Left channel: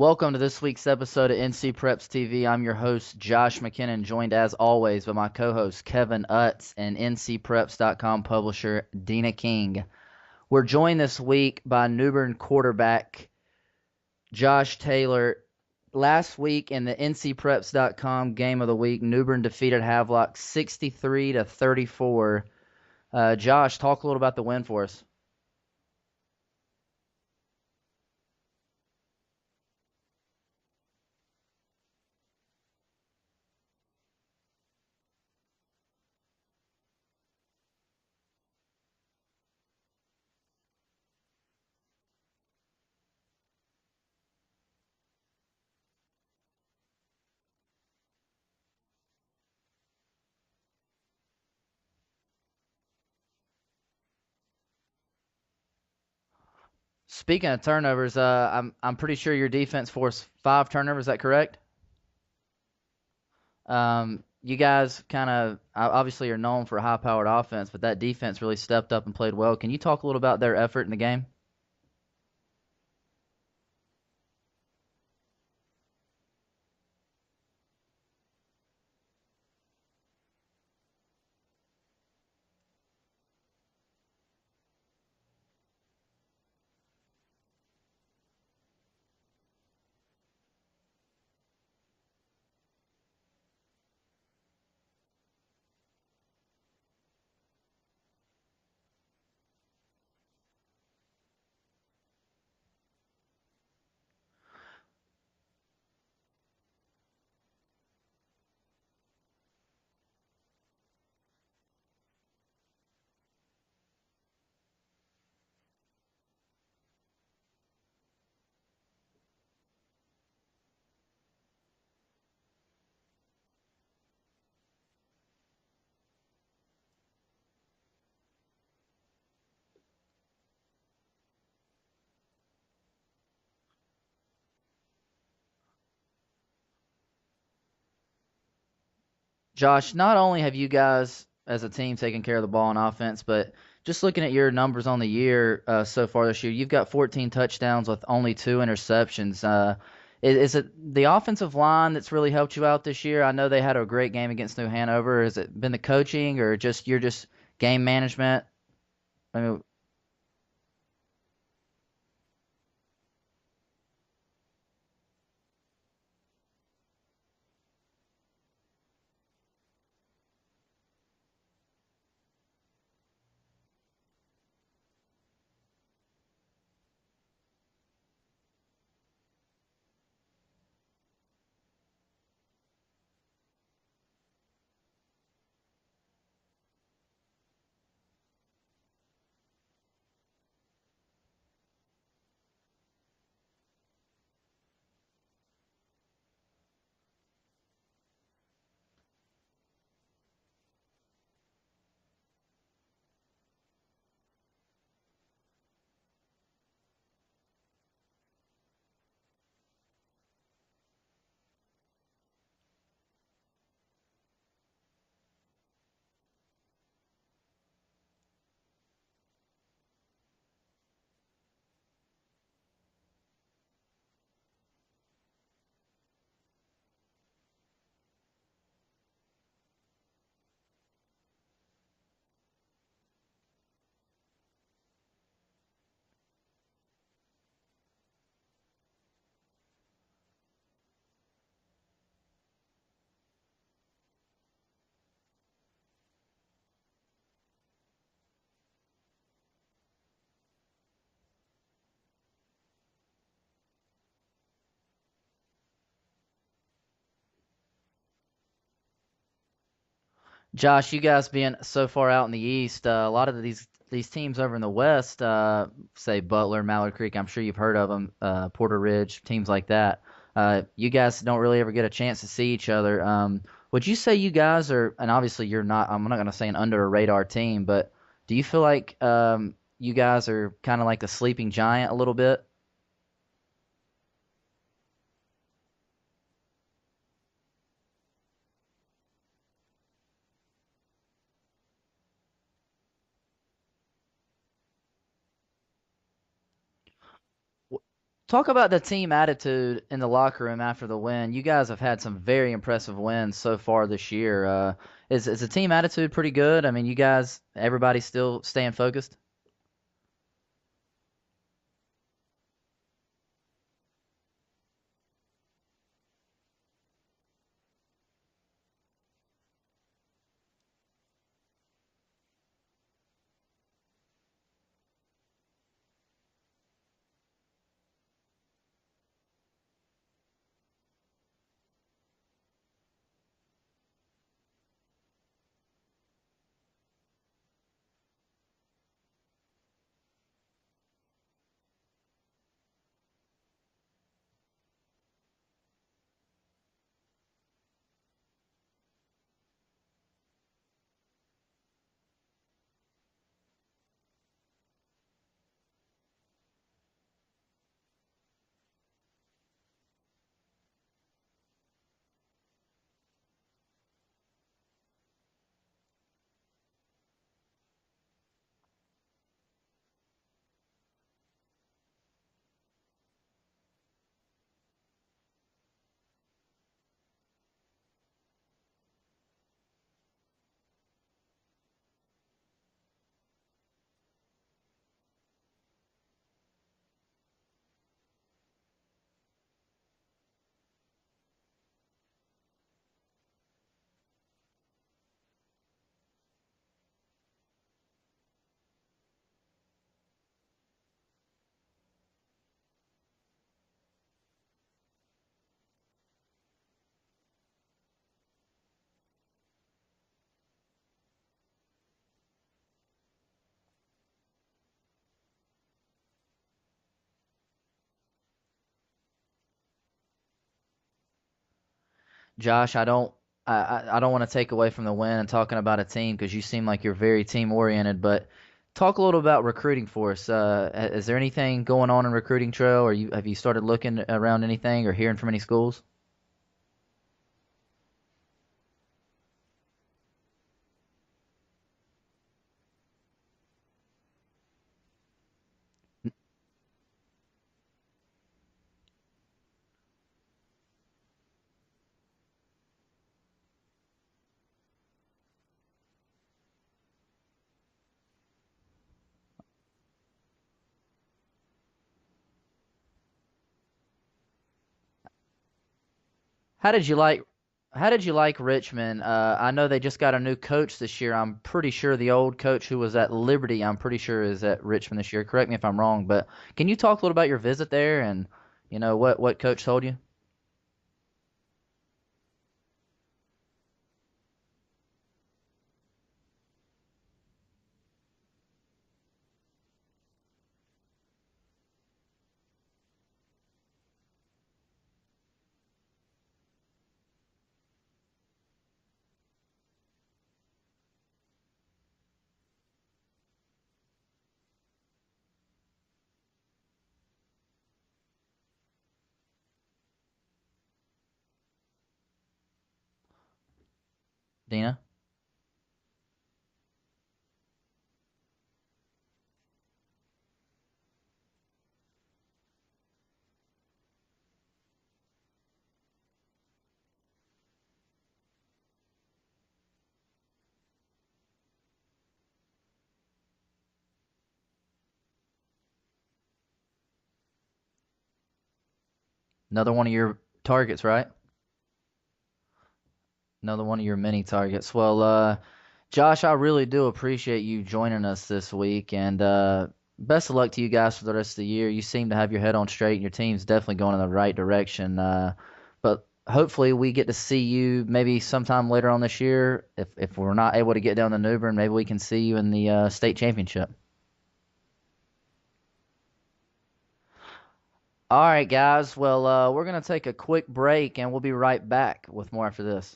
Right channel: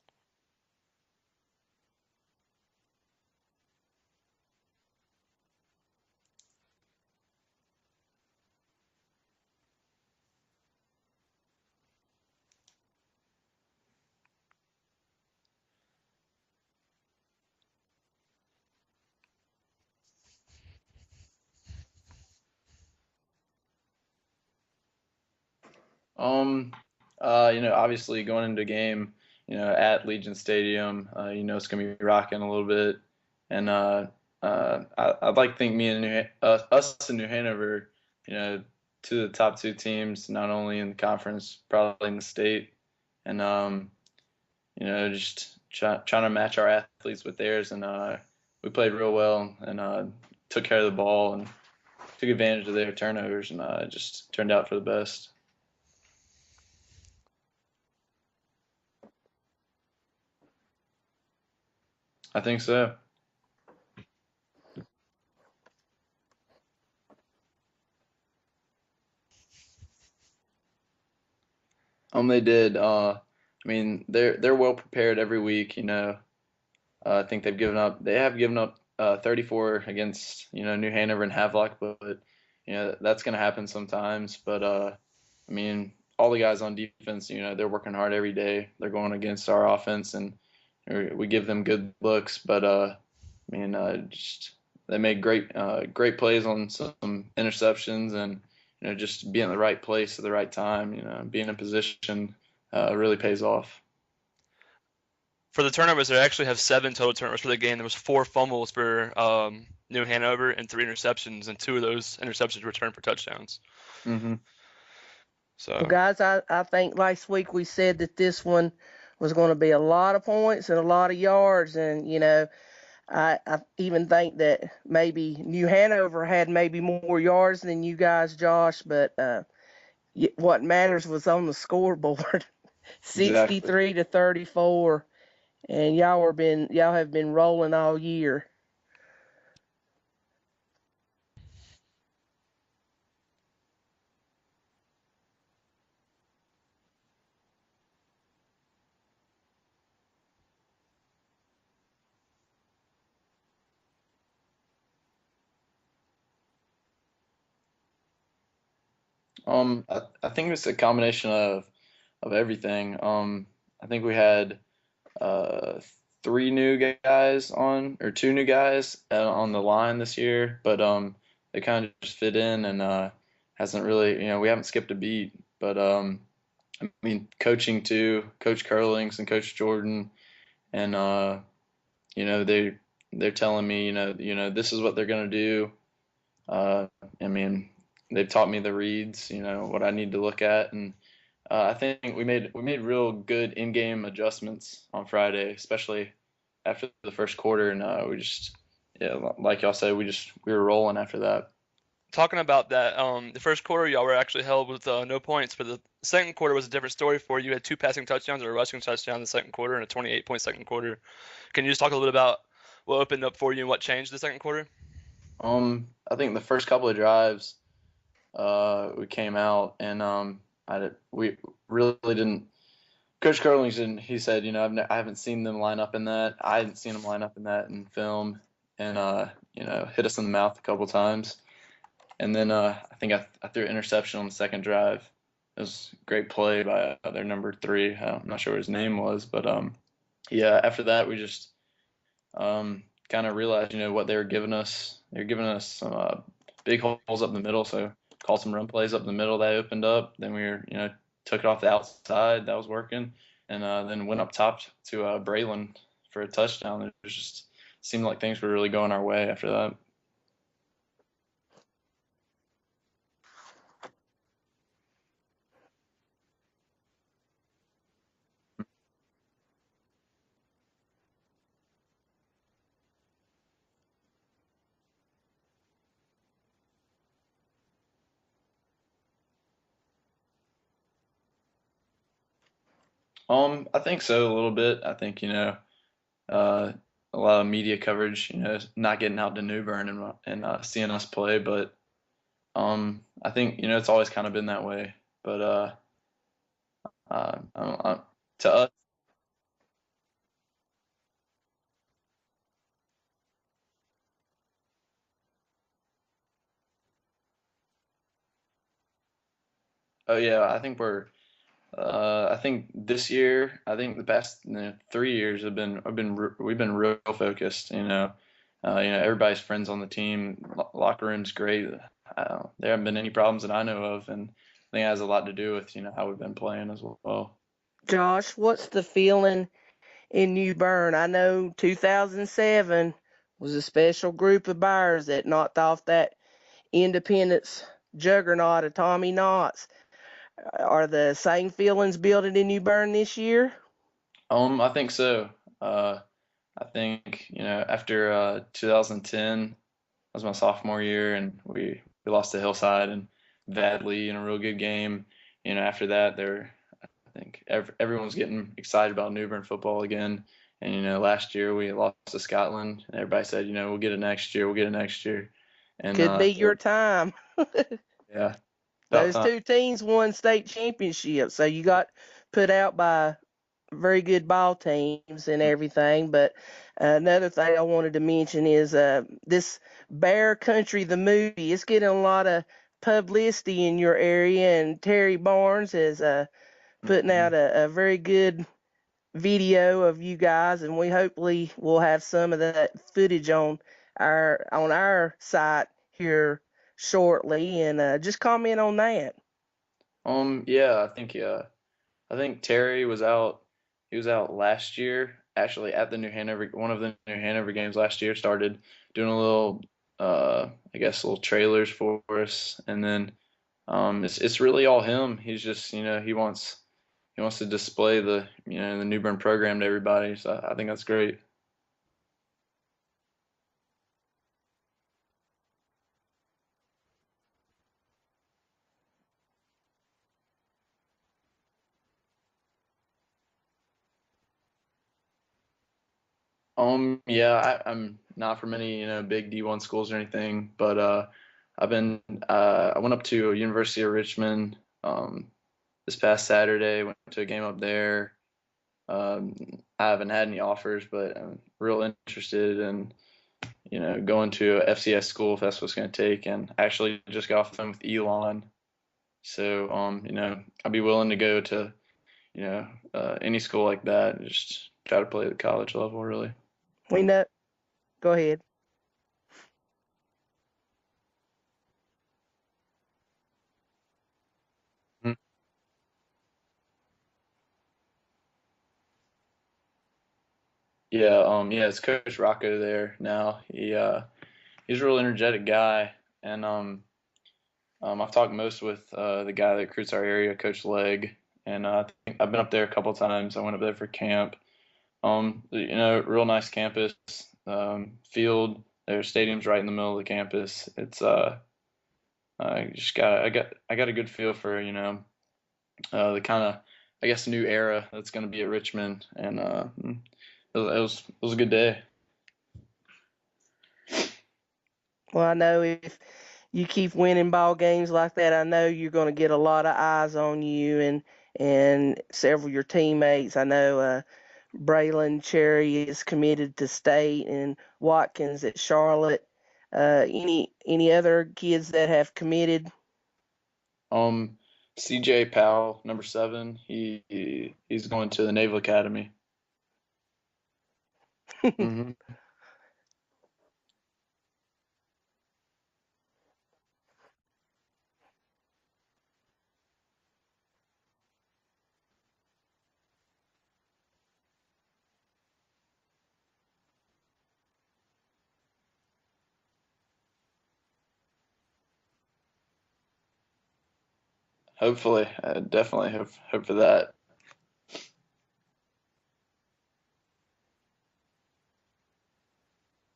Welcome to this week's episode of NC Preps TV. I'm your host, Josh McKinnon, joined as always by my co-host, Kevin Utz, and NCPreps.com publisher, Dina King. We're joined this week by New Bern quarterback, Josh Taylor. Last week in the NCPreps.com game of the week, New Bern defeated Havelock 63-34. Josh, talk a little about the win for us. Obviously going into a game, at Legion Stadium, it's gonna be rocking a little bit, and I'd like to think me and us and New Hanover, two of the top two teams, not only in the conference, probably in the state, and just trying to match our athletes with theirs, and we played real well and took care of the ball and took advantage of their turnovers, and it just turned out for the best. Speaking of turnovers, I'm pretty sure your defense forced 5 turnovers. Is that correct? I think so. You guys kind of obviously are known for a high-powered offense, but that defense really stepped up and played well. Can you talk a little about their effort in the game? They did. They're well prepared every week. I think they have given up 34 against New Hanover and Havelock, but that's going to happen sometimes. But all the guys on defense, they're working hard every day. They're going against our offense, and we give them good looks. But just they make great plays on some interceptions, and just being in the right place at the right time. Being in position really pays off. For the turnovers, they actually have 7 total turnovers for the game. There was 4 fumbles for New Hanover and 3 interceptions, and 2 of those interceptions returned for touchdowns. Mm-hmm. So, well, guys, I think last week we said that this one was going to be a lot of points and a lot of yards, and I even think that maybe New Hanover had maybe more yards than you guys, Josh, but what matters was on the scoreboard, 63-34, and y'all have been rolling all year. Josh, not only have you guys as a team taken care of the ball on offense, but just looking at your numbers on the year so far this year, you've got 14 touchdowns with only 2 interceptions. Is it the offensive line that's really helped you out this year? I know they had a great game against New Hanover. Has it been the coaching or just game management? I think it's a combination of everything. I think we had 2 new guys on the line this year, but they kind of just fit in and hasn't really, we haven't skipped a beat. But coaching too, Coach Curlings and Coach Jordan, and they're telling me, this is what they're gonna do. They've taught me the reads, what I need to look at, and I think we made real good in-game adjustments on Friday, especially after the first quarter, and we just, like y'all said, we were rolling after that. Talking about that, the first quarter y'all were actually held with no points, but the second quarter was a different story for you. You had 2 passing touchdowns or a rushing touchdown in the second quarter and a 28-point second quarter. Can you just talk a little bit about what opened up for you and what changed the second quarter? I think the first couple of drives, we came out and we really didn't. Coach Curlings didn't. He said, I haven't seen them line up in that. I hadn't seen them line up in that in film, and hit us in the mouth a couple times. And then I think I threw an interception on the second drive. It was a great play by their number 3. I'm not sure what his name was, but after that we just kind of realized, what they were giving us. They were giving us some big holes up the middle, so called some run plays up the middle that opened up. Then we took it off the outside, that was working, and then went up top to Braylon for a touchdown. It just seemed like things were really going our way after that. Josh, you guys being so far out in the East, a lot of these teams over in the West, say Butler, Mallard Creek, I'm sure you've heard of them, Porter Ridge, teams like that. You guys don't really ever get a chance to see each other. Would you say you guys are, and obviously you're not, I'm not going to say an under a radar team, but do you feel like you guys are kind of like the sleeping giant a little bit? I think so, a little bit. I think, a lot of media coverage, not getting out to New Bern and seeing us play. But I think, it's always kind of been that way. But Talk to us. about the team attitude in the locker room after the win. You guys have had some very impressive wins so far this year. Is the team attitude pretty good? I mean, you guys, everybody's still staying focused? Oh yeah, I think we're. I think this year, I think the past 3 years we've been real focused. Everybody's friends on the team. Locker room's great. There haven't been any problems that I know of, and I think it has a lot to do with how we've been playing as well. Josh, what's the feeling in New Bern? I know 2007 was a special group of Bears that knocked off that Independence juggernaut of Tommy Knotts. Are the same feelings building in New Bern this year? I think so. Uh, I think after 2010, that was my sophomore year, and we lost to Hillside and badly in a real good game. After that, I think everyone's getting excited about New Bern football again. And last year we lost to Scotland, and everybody said, we'll get it next year, we'll get it next year. And Could be your time. yeah, about Those time. two teams won state championships, so you got put out by very good ball teams and everything. But another thing I wanted to mention is this Bear Country, the movie. It's getting a lot of publicity in your area, and Terry Barnes is putting out a very good video of you guys, and we hopefully will have some of that footage on our site here shortly. And just comment on that. Yeah, I think Terry was out. He was out last year, actually at the New Hanover, one of the New Hanover games last year. Started doing a little, I guess, little trailers for us, and then it's really all him. He's just he wants to display the New Bern program to everybody. So I think that's great. Josh, I don't want to take away from the win and talking about a team because you seem like you're very team oriented, but talk a little about recruiting for us. Is there anything going on in recruiting trail, or have you started looking around anything or hearing from any schools? Yeah, I'm not from any big D1 schools or anything, but I went up to University of Richmond this past Saturday. Went to a game up there. Um, I haven't had any offers, but I'm real interested in going to a FCS school if that's what's going to take. And I actually just got off the phone with Elon, so I'd be willing to go to any school like that and just try to play at the college level really. How did you We like? know. How did Go you like ahead. Richmond? I know they just got a new coach this year. I'm pretty sure the old coach who was at Liberty, I'm pretty sure is at Richmond this year. Correct me if I'm wrong, but can you talk a little about your visit there and what coach told you? Yeah, it's Coach Rocco there now. He's a real energetic guy, and I've talked most with the guy that recruits our area, Coach Legg, and I think I've been up there a couple times. I went up there for camp. Real nice campus, field. Their stadium's right in the middle of the campus. It's I got a good feel for the kind of I guess new era that's going to be at Richmond, and it was a good day. Dina? Well, I know if you keep winning ball games like that, I know you're going to get a lot of eyes on you and several of your teammates. I know Braylon Cherry is committed to state, and Watkins at Charlotte. Any other kids that have committed? Um, CJ Powell, number 7, he's going to the Naval Academy. Another one of your targets, right? hmm Another one of your many targets. Well, Josh, I really do appreciate you joining us this week, and best of luck to you guys for the rest of the year. You seem to have your head on straight, and your team's definitely going in the right direction. But hopefully, we get to see you maybe sometime later on this year. If we're not able to get down to New Bern, maybe we can see you in the state championship. Hopefully, I definitely hope for that. All right, guys. Well, we're gonna take a quick break, and we'll be right back with more after this.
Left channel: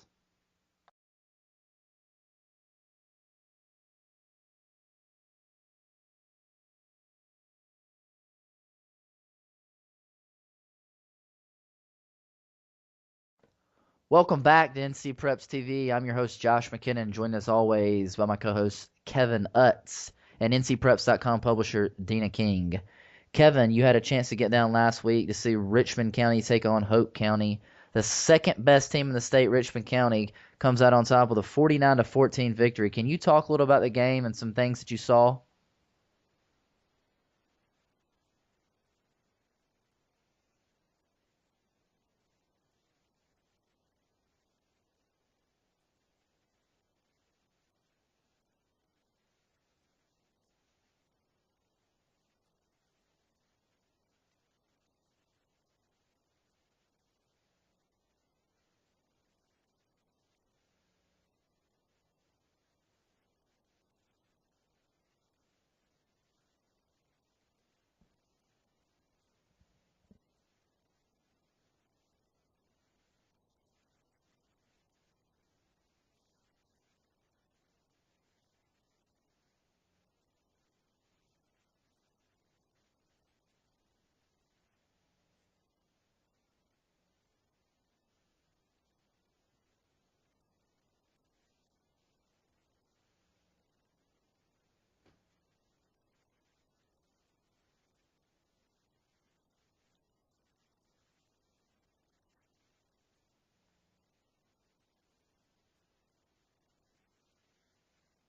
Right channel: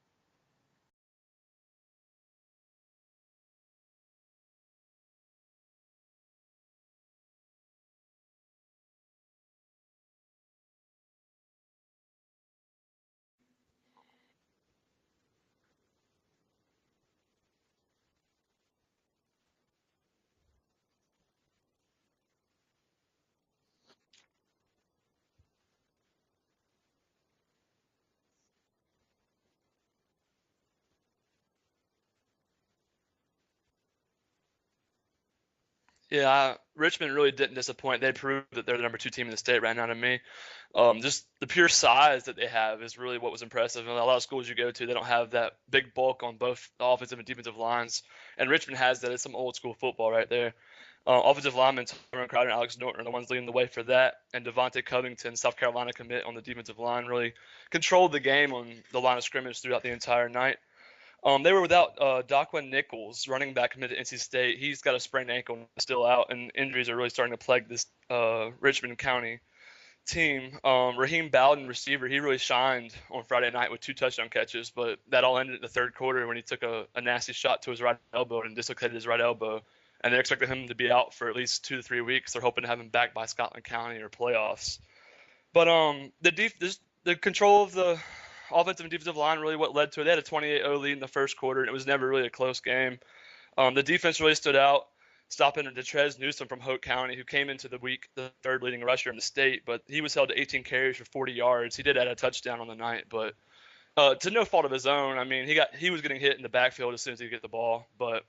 Welcome back to NC Preps TV. I'm your host, Josh McKinnon, joined as always by my co-host, Kevin Utz, and NCPreps.com publisher, Dina King. Kevin, you had a chance to get down last week to see Richmond County take on Hope County. The second best team in the state, Richmond County, comes out on top with a 49-14 victory. Can you talk a little about the game and some things that you saw? Yeah, Richmond really didn't disappoint. They proved that they're the number 2 team in the state right now to me. Just the pure size that they have is really what was impressive. And a lot of schools you go to, they don't have that big bulk on both the offensive and defensive lines. And Richmond has that. It's some old school football right there. Offensive linemen, Tyrone Crowder and Alex Norton are the ones leading the way for that. And Devontae Covington, South Carolina commit on the defensive line, really controlled the game on the line of scrimmage throughout the entire night. They were without Daquan Nichols, running back committed to NC State. He's got a sprained ankle, still out, and injuries are really starting to plague this Richmond County team. Raheem Bowden, receiver, he really shined on Friday night with 2 touchdown catches, but that all ended in the third quarter when he took a nasty shot to his right elbow and dislocated his right elbow. And they're expecting him to be out for at least 2 to 3 weeks. They're hoping to have him back by Scotland County or playoffs. But the control of the offensive and defensive line really what led to it. They had a 28-0 lead in the first quarter, and it was never really a close game. The defense really stood out, stopping Detrez Newsom from Hope County, who came into the week the third leading rusher in the state, but he was held to 18 carries for 40 yards. He did add a touchdown on the night, but to no fault of his own. I mean, he was getting hit in the backfield as soon as he get the ball, but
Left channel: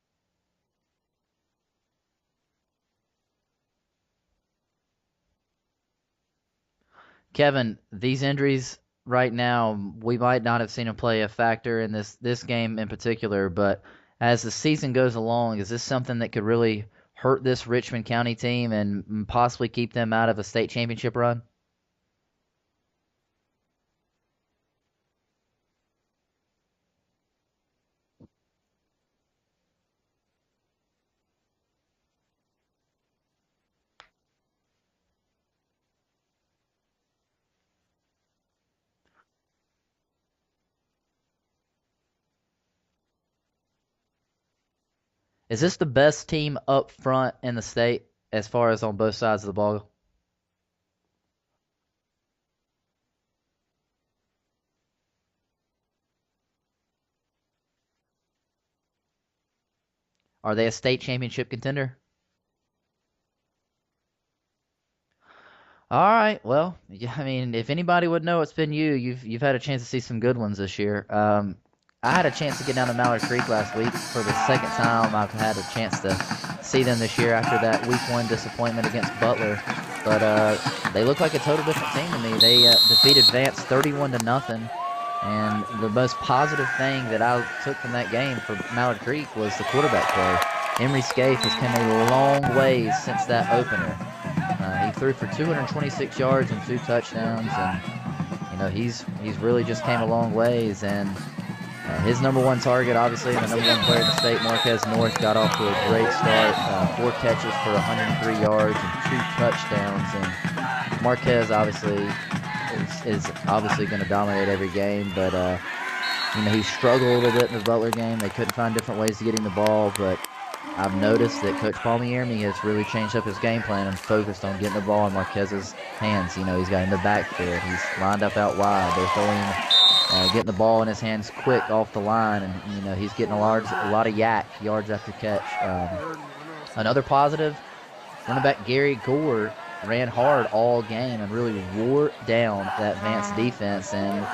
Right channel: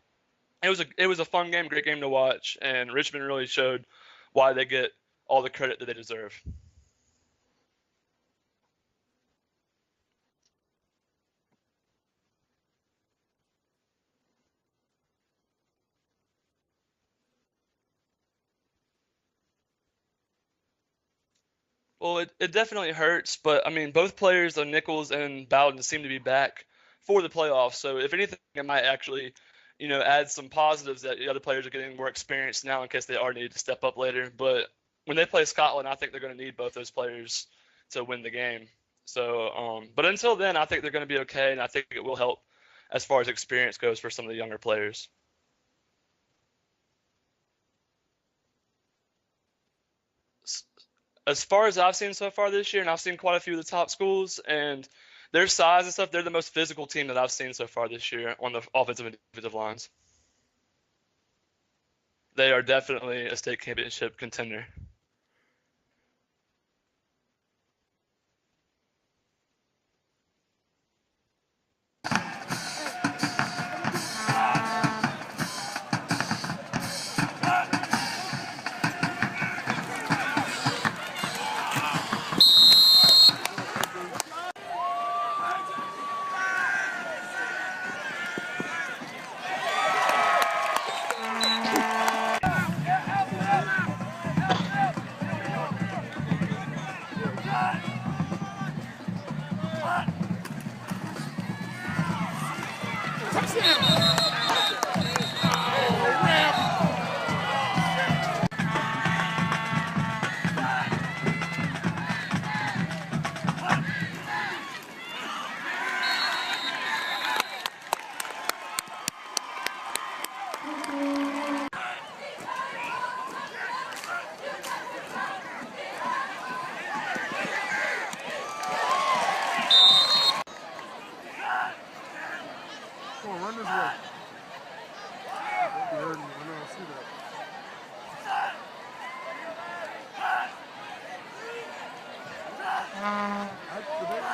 it was a fun game, great game to watch, and Richmond really showed why they get all the credit that they deserve. Kevin, these injuries right now, we might not have seen them play a factor in this game in particular, but as the season goes along, is this something that could really hurt this Richmond County team and possibly keep them out of a state championship run? Well, it definitely hurts, but I mean, both players, Nichols and Bowden, seem to be back for the playoffs. So if anything, it might actually, add some positives that the other players are getting more experience now in case they are needed to step up later. But when they play Scotland, I think they're going to need both those players to win the game. So, but until then, I think they're going to be okay, and I think it will help as far as experience goes for some of the younger players. Is this the best team up front in the state as far as on both sides of the ball? As far as I've seen so far this year, and I've seen quite a few of the top schools, and their size and stuff, they're the most physical team that I've seen so far this year on the offensive and defensive lines. Are they a state championship contender? They are definitely a state championship contender. All right. Well, I mean, if anybody would know, it's been you. You've had a chance to see some good ones this year. I had a chance to get down to Mallard Creek last week for the second time. I've had a chance to see them this year after that week 1 disappointment against Butler. But they look like a total different team to me. They defeated Vance 31-0. And the most positive thing that I took from that game for Mallard Creek was the quarterback play. Henry Scaife has come a long way since that opener. He threw for 226 yards and 2 touchdowns. And, he's really just came a long ways. And his number 1 target, obviously, the number 1 player in the state, Marquez North, got off to a great start. 4 catches for 103 yards and 2 touchdowns. And Marquez, obviously, is obviously going to dominate every game, but he struggled a little bit in the Butler game. They couldn't find different ways to get him the ball, but I've noticed that Coach Palmieri has really changed up his game plan and focused on getting the ball in Marquez's hands. He's got him in the backfield. He's lined up out wide. They're throwing, getting the ball in his hands quick off the line, and he's getting a lot of yards after catch. Another positive, running back Gary Gore ran hard all game and really wore down that Vance defense, and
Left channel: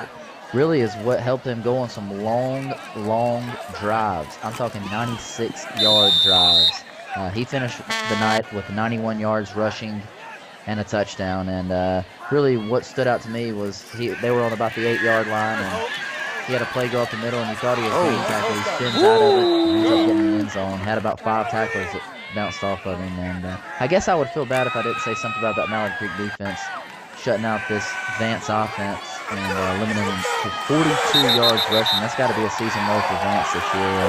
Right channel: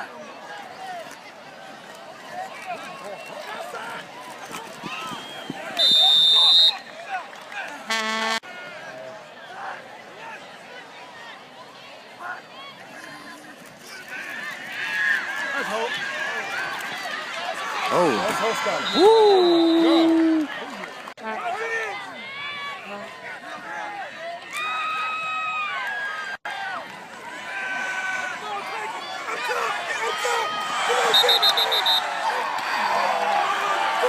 really is what helped them go on some long drives. I'm talking 96-yard drives. He finished the night with 91 yards rushing and a touchdown, and really what stood out to me was they were on about the 8-yard line, and he had a play go up the middle, and he thought he was had about 5 tackles that bounced off of him, and I guess I would feel bad if I didn't say something about that Mallard Creek defense shutting out this Vance offense and limiting him to 42 yards rushing. That's got to be a season low for Vance this year.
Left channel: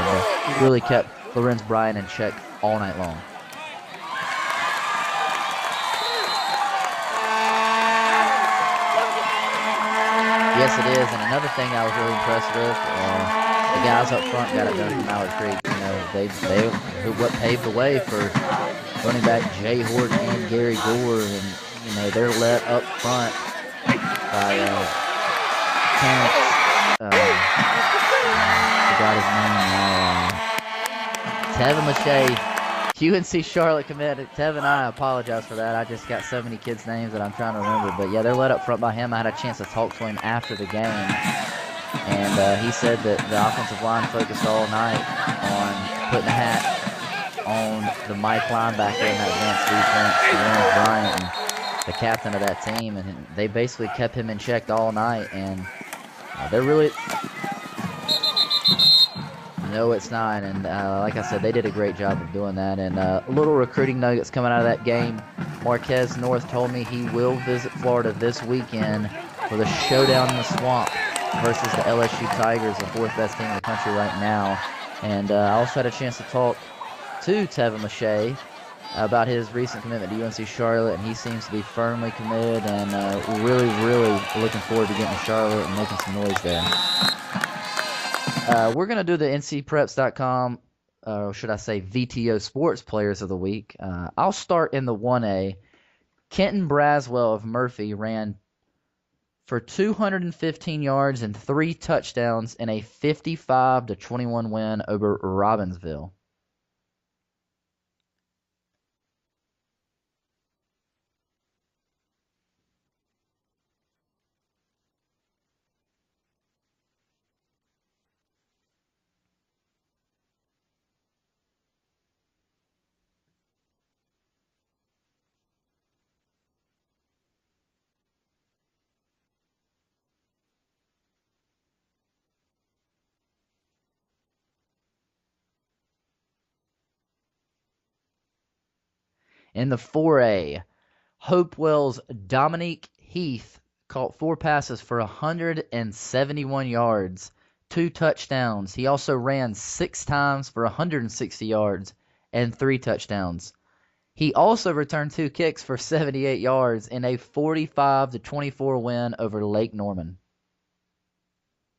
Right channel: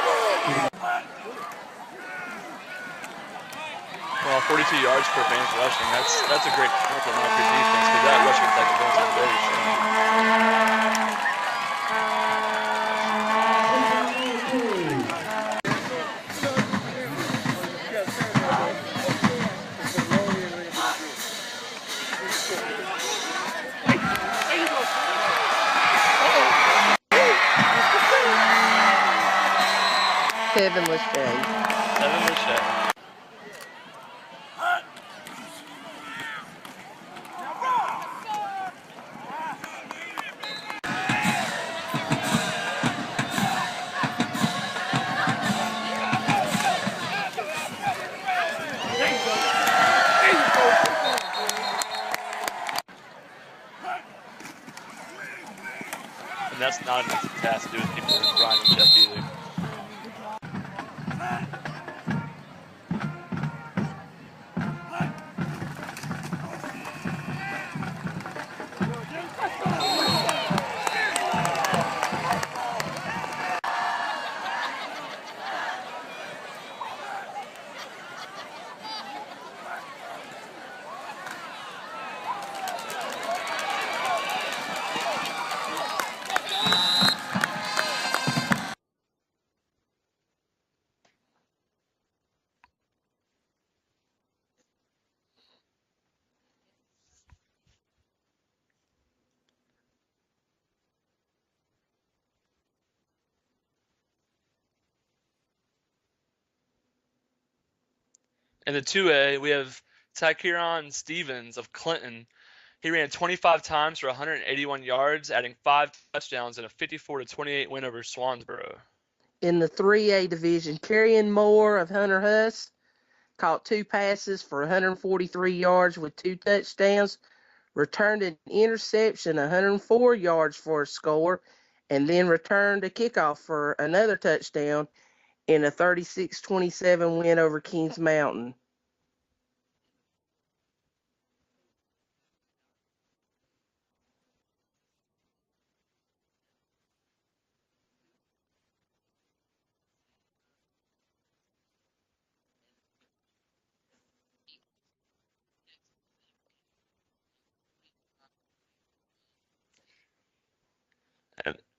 He really kept Lorenz Bryan in check all night long. 42 yards for Vance rushing. That's a great Yes, it is. And another thing I was really impressed with, the guys up front got it done in Mallard Creek. They paved the way for running back Jay Horton and Gary Gore, and they're let up front by Kevin Lachey. Kevin Lachey UNC Charlotte committed. Tevin, I apologize for that. I just got so many kids' names that I'm trying to remember. But yeah, they're led up front by him. I had a chance to talk to him after the game, and he said that the offensive line focused all night on putting a hat on the Mike linebacker and that Bryant, the captain of that team, and they basically kept him in check all night. And they're really. No, it's not, and like I said, they did a great job of doing that. And little recruiting nuggets coming out of that game. Marquez North told me he will visit Florida this weekend for the showdown in the swamp versus the LSU Tigers, the fourth best team in the country right now. And I also had a chance to talk to Tevin Lachey about his recent commitment to UNC Charlotte, and he seems to be firmly committed, and really, really looking forward to getting to Charlotte and making some noise there. We're going to do the ncpreps.com, should I say VTO Sports Players of the Week. I'll start in the 1A. Kenton Braswell of Murphy ran for 215 yards and 3 touchdowns in a 55-21 win over Robbinsville. In the 2A, we have Tykeron Stevens of Clinton. He ran 25 times for 181 yards, adding 5 touchdowns in a 54-28 win over Swansboro. In the 3A division, Carrion Moore of Hunter Huss caught 2 passes for 143 yards with 2 touchdowns, returned an interception, 104 yards for a score, and then returned a kickoff for another touchdown in a 36-27 win over Kings Mountain. In the 4A, Hopewell's Dominique Heath caught 4 passes for 171 yards, 2 touchdowns. He also ran 6 times for 160 yards and 3 touchdowns. He also returned 2 kicks for 78 yards in a 45-24 win over Lake Norman.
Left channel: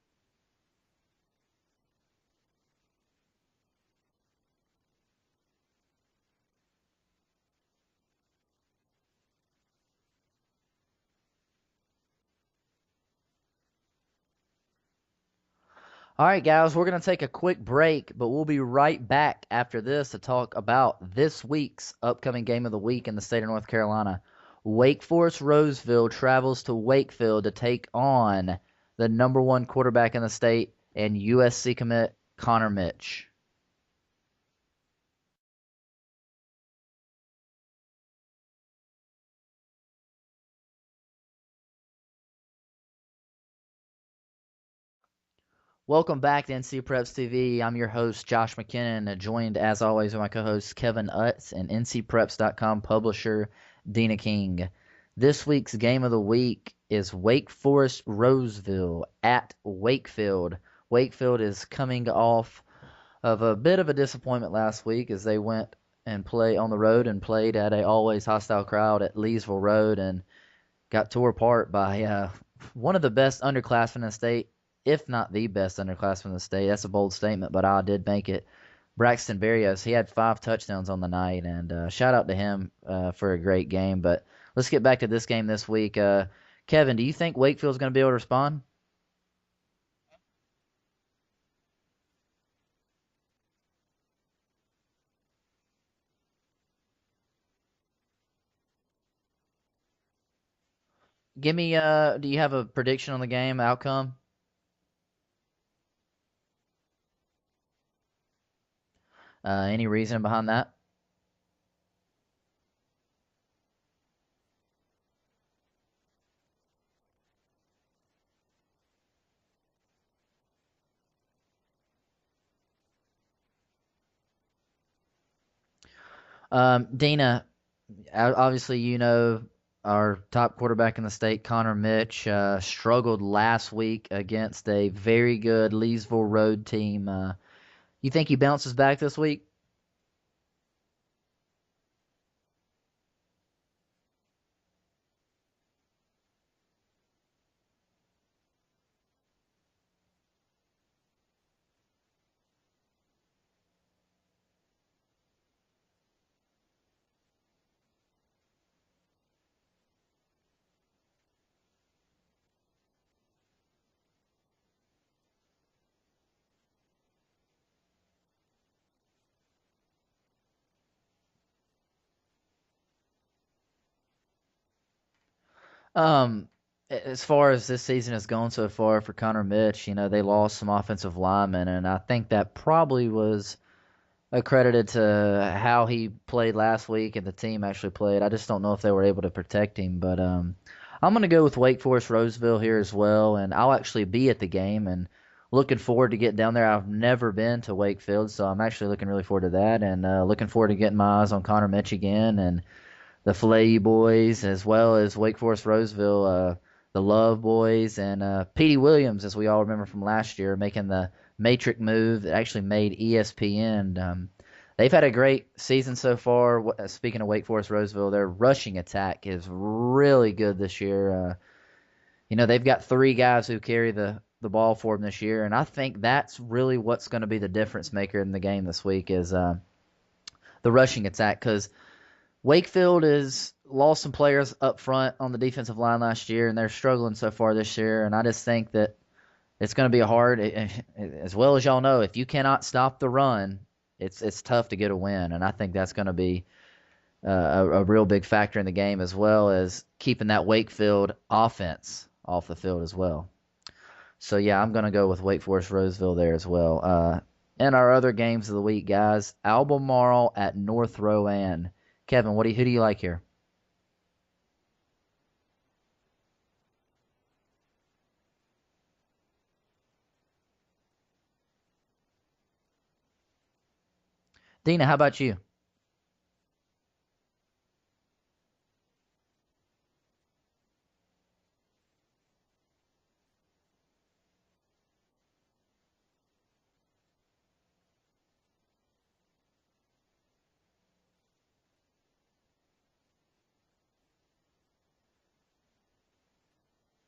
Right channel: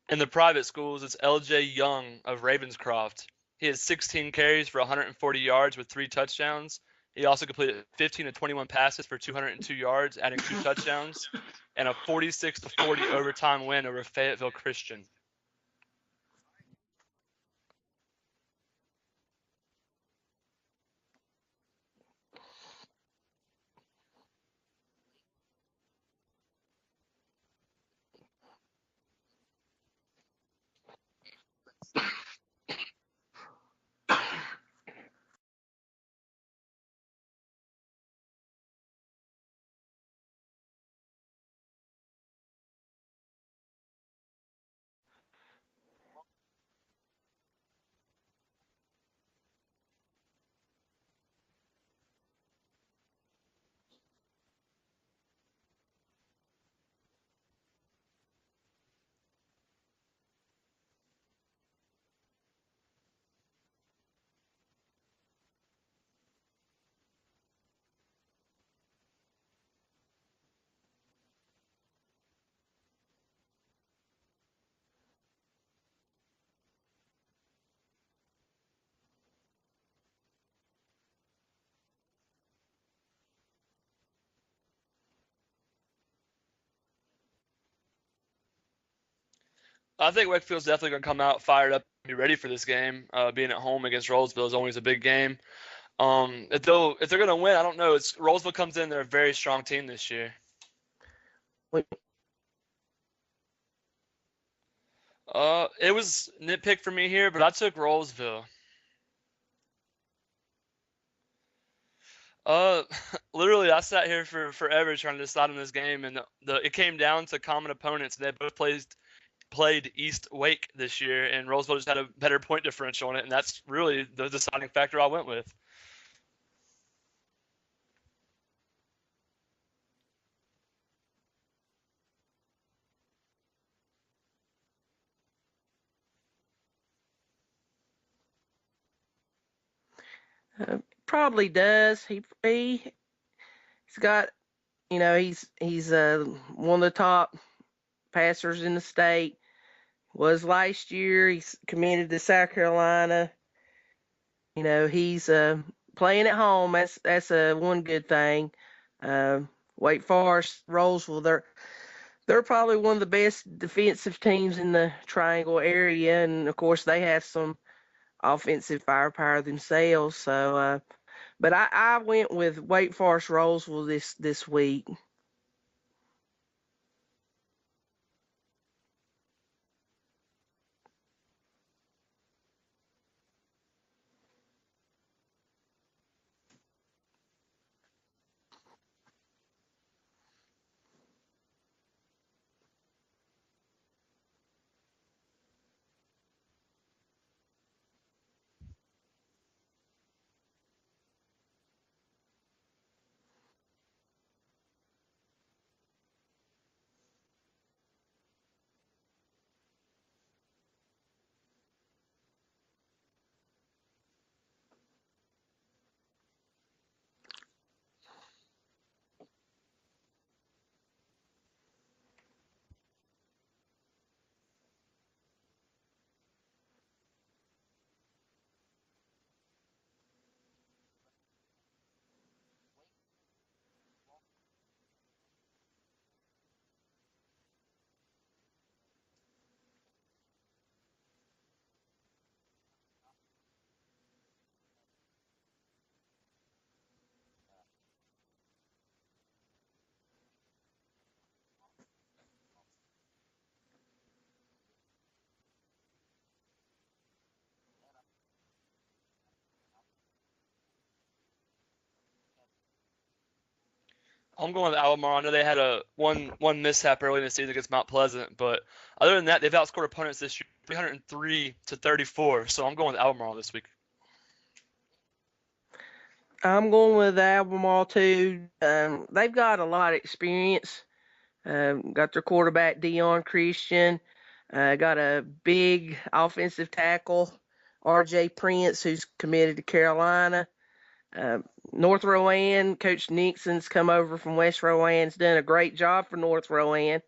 In the private schools, it's LJ Young of Ravenscroft. He had 16 carries for 140 yards with 3 touchdowns. He also completed 15-21 passes for 202 yards, adding 2 touchdowns, and a 46-40 overtime win over Fayetteville Christian. All right, guys, we're going to take a quick break, but we'll be right back after this to talk about this week's upcoming game of the week in the state of North Carolina. Wake Forest Roseville travels to Wakefield to take on the number 1 quarterback in the state and USC commit Connor Mitch. Welcome back to NC Preps TV. I'm your host, Josh McKinnon, joined as always by my co-hosts Kevin Utz and NCPreps.com publisher Dina King. This week's game of the week is Wake Forest Roseville at Wakefield. Wakefield is coming off of a bit of a disappointment last week as they went and played on the road and played at a always hostile crowd at Leesville Road and got tore apart by one of the best underclassmen in the state, if not the best underclassman in the state. That's a bold statement, but I did make it. Braxton Berrios, he had 5 touchdowns on the night, and shout out to him for a great game. But let's get back to this game this week. Kevin, do you think Wakefield's going to be able to respond? I think Wakefield's definitely going to come out fired up and be ready for this game. Being at home against Rolesville is always a big game. If they're going to win, I don't know. Rolesville comes in, they're a very strong team this year. Give me, do you have a prediction on the game outcome? It was nitpick for me here, but I took Rolesville. Any reason behind that? Literally, I sat here for forever trying to decide on this game, and it came down to common opponents. They both played East Wake this year, and Rolesville just had a better point differential on it, and that's really the deciding factor I went with. Dina, obviously you know our top quarterback in the state, Connor Mitch, struggled last week against a very good Leesville Road team. You think he bounces back this week? Probably does. He's got, he's one of the top passers in the state. Was last year. He's committed to South Carolina. He's playing at home. That's one good thing. Wake Forest, Rolesville, they're probably one of the best defensive teams in the Triangle area, and of course they have some offensive firepower themselves. So But I went with Wake Forest Roseville this week. As far as this season has gone so far for Connor Mitch, they lost some offensive linemen, and I think that probably was accredited to how he played last week and the team actually played. I just don't know if they were able to protect him, but I'm going to go with Wake Forest Roseville here as well, and I'll actually be at the game and looking forward to getting down there. I've never been to Wakefield, so I'm actually looking really forward to that, and looking forward to getting my eyes on Connor Mitch again and the Filet boys, as well as Wake Forest Roseville, the Love boys, and Petey Williams, as we all remember from last year, making the Matrix move that actually made ESPN. They've had a great season so far. Speaking of Wake Forest Roseville, their rushing attack is really good this year. They've got 3 guys who carry the ball for them this year, and I think that's really what's going to be the difference maker in the game this week is the rushing attack, because Wakefield has lost some players up front on the defensive line last year, and they're struggling so far this year, and I just think that it's going to be hard, as well as y'all know, if you cannot stop the run, it's tough to get a win, and I think that's going to be a real big factor in the game, as well as keeping that Wakefield offense off the field as well. So, yeah, I'm going to go with Wake Forest Roseville there as well. In our other games of the week, guys, Albemarle at North Rowan. Kevin, who do you like here? I'm going with Albemarle. I know they had a one mishap early in the season against Mount Pleasant, but other than that, they've outscored opponents this year 303-34. So I'm going with Albemarle this week. Dina, how about you? I'm going with Albemarle too. They've got a lot of experience. Got their quarterback Dion Christian. Got a big offensive tackle, R.J. Prince, who's committed to Carolina. North Rowan, Coach Nixon's come over from West Rowan's done a great job for North Rowan.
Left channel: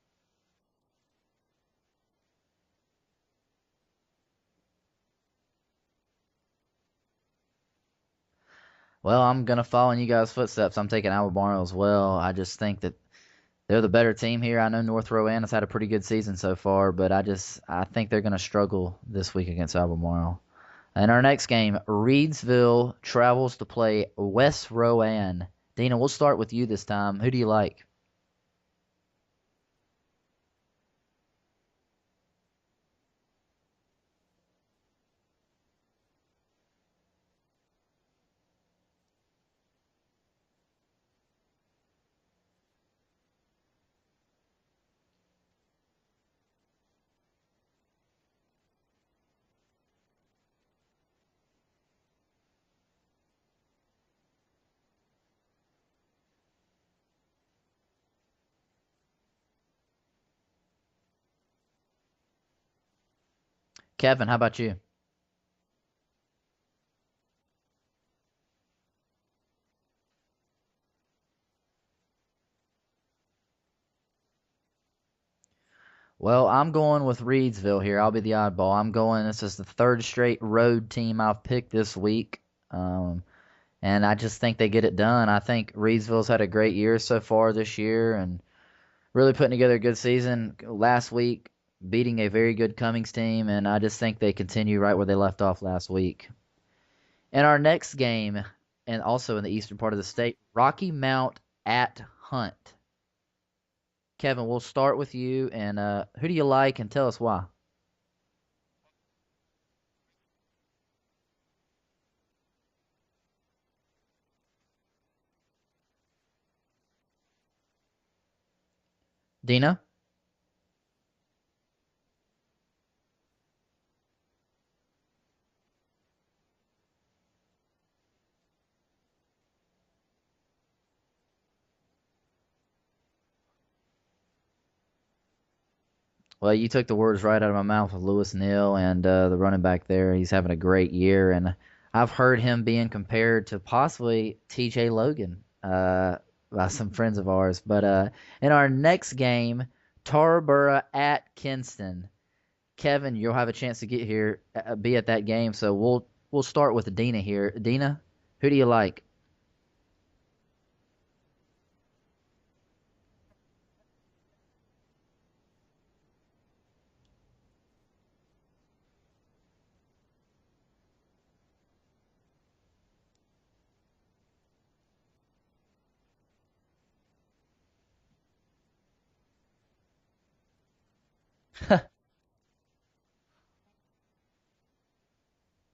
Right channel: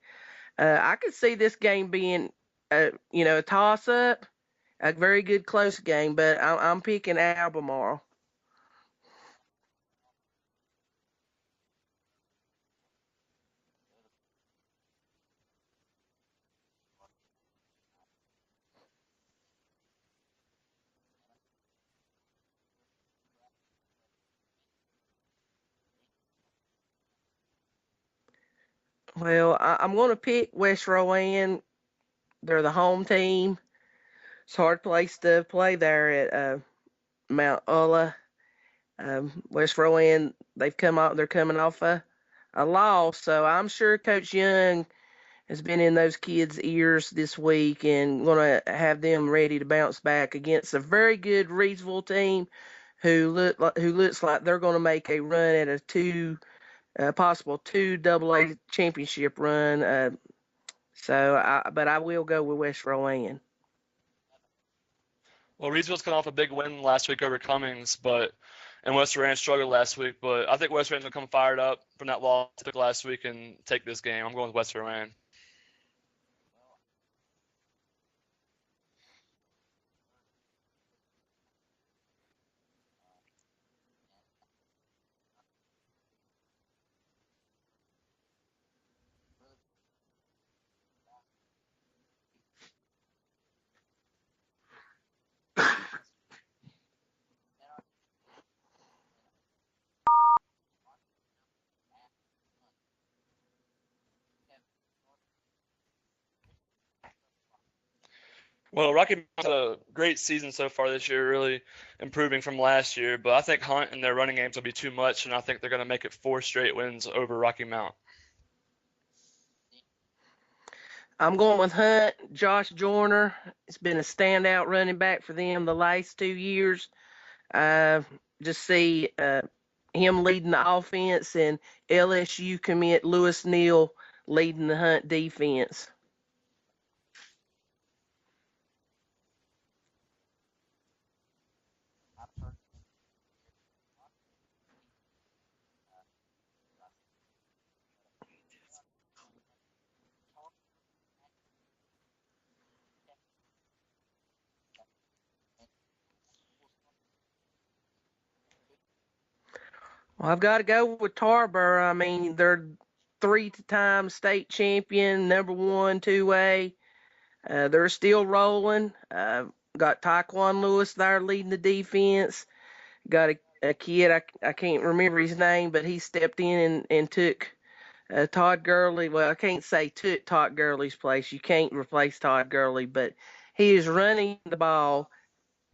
I could see this game being, a toss-up, a very good close game, but I'm picking Albemarle. Well, I'm going to follow in you guys' footsteps. I'm taking Albemarle as well. I just think that they're the better team here. I know North Rowan has had a pretty good season so far, but I think they're going to struggle this week against Albemarle. In our next game, Reedsville travels to play West Rowan. Dina, we'll start with you this time. Who do you like? Well, I'm going to pick West Rowan. They're the home team. It's a hard place to play there at Mount Ulla. West Rowan, they're coming off a loss, so I'm sure Coach Young has been in those kids' ears this week and going to have them ready to bounce back against a very good Reedsville team who looks like they're going to make a run at a possible 2 AA championship run. But I will go with West Rowan. Kevin, how about you? Well, Reedsville's coming off a big win last week over Cummings, and West Rowan struggled last week, but I think West Rowan's going to come fired up from that loss last week and take this game. I'm going with West Rowan. Well, I'm going with Reedsville here. I'll be the oddball. This is the 3rd straight road team I've picked this week. And I just think they get it done. I think Reedsville's had a great year so far this year and really putting together a good season. Last week, beating a very good Cummings team, and I just think they continue right where they left off last week. In our next game, and also in the eastern part of the state, Rocky Mount at Hunt. Kevin, we'll start with you, and who do you like, and tell us why? Well, Rocky Mount's had a great season so far this year, really improving from last year, but I think Hunt and their running games will be too much, and I think they're going to make it 4 straight wins over Rocky Mount. Dina? I'm going with Hunt. Josh Joyner has been a standout running back for them the last 2 years. Just see him leading the offense and LSU commit Lewis Neal leading the Hunt defense. Well, you took the words right out of my mouth with Lewis Neal and the running back there. He's having a great year, and I've heard him being compared to possibly TJ Logan by some friends of ours. But in our next game, Tarboro at Kinston. Kevin, you'll have a chance to get here, be at that game, so we'll start with Dina here. Dina, who do you like? Well, I've got to go with Tarboro. I mean, they're 3-time state champion, number 1, 2A. They're still rolling. Got Taekwon Lewis there leading the defense. Got a kid. I can't remember his name, but he stepped in and took Todd Gurley. Well, I can't say took Todd Gurley's place. You can't replace Todd Gurley, but he is running the ball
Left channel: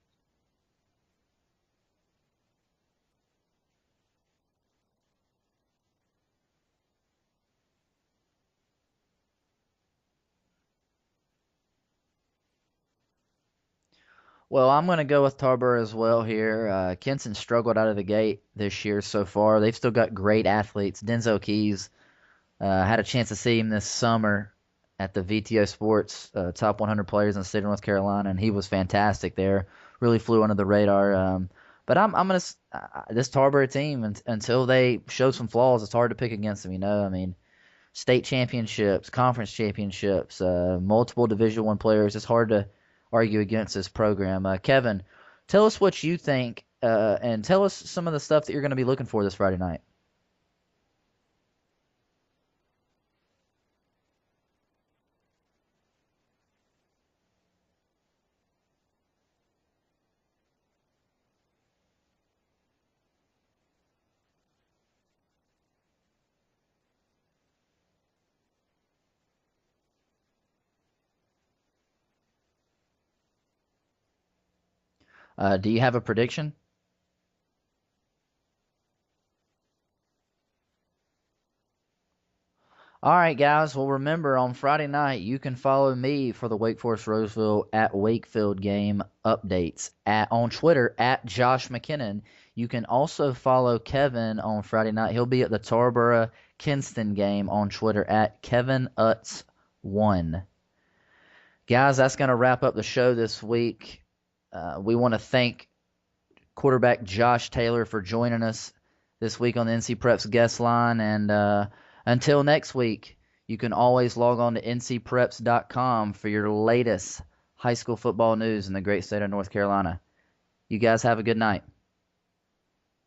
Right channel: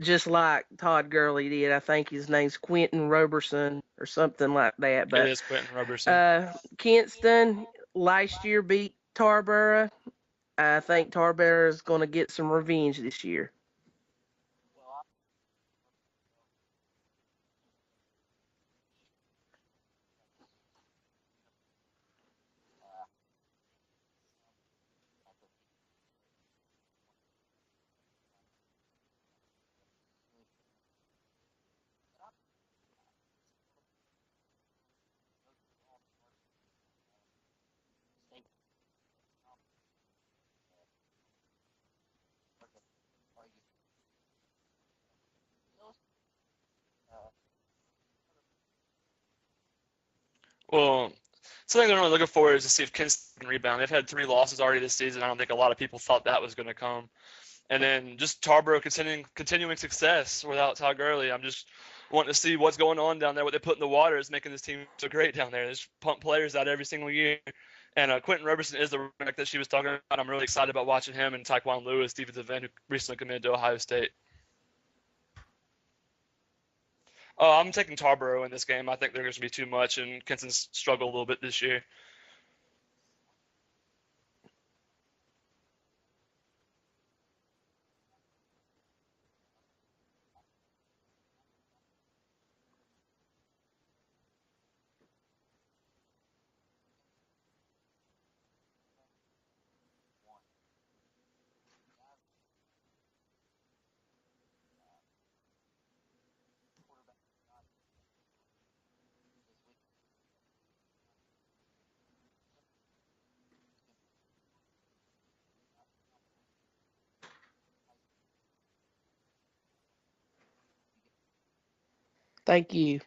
just like Todd Gurley did. I think his name's Quentin Roberson or something like that. It But is Quentin Roberson. Kinston last year beat Tarboro. I think Tarboro is going to get some revenge this year. Well, I'm going to go with Tarboro as well here. Kenson struggled out of the gate this year so far. They've still got great athletes. Denzel Keys, had a chance to see him this summer at the VTO Sports Top 100 Players in the state of North Carolina, and he was fantastic there. Really flew under the radar. But I'm going to this Tarboro team until they show some flaws. It's hard to pick against them. I mean, state championships, conference championships, multiple Division I players. It's hard to argue against this program. Kevin, tell us what you think, and tell us some of the stuff that you're going to be looking for this Friday night. Well, something I'm really looking for is to see if Kinston can rebound. They've had 3 losses already this season. I don't think a lot of people thought that was going to come. And then just Tarboro continuing success without Todd Gurley. I'm just wanting to see what's going on down there. What they put in the water is making this team so great down there. They just pump players out every single year. And Quentin Roberson is the running that she was talking about. I'm really excited about watching him and Taekwon Lewis, defensive end, who recently committed to Ohio State. Do you have a prediction? I'm taking Tarboro in this game. I think they're going to be too much, and Kinston's struggled a little bit this year. All right, guys. Well, remember, on Friday night, you can follow me for the Wake Forest Roseville at Wakefield game updates on Twitter at Josh McKinnon. You can also follow Kevin on Friday night. He'll be at the Tarboro Kinston game on Twitter at KevinUtz1. Guys, that's going to wrap up the show this week. We want to thank quarterback Josh Taylor for joining us this week on the NC Preps guest line. And until next week, you can always log on to ncpreps.com for your latest high school football news in the great state of North Carolina. You guys have a good night. Thank you.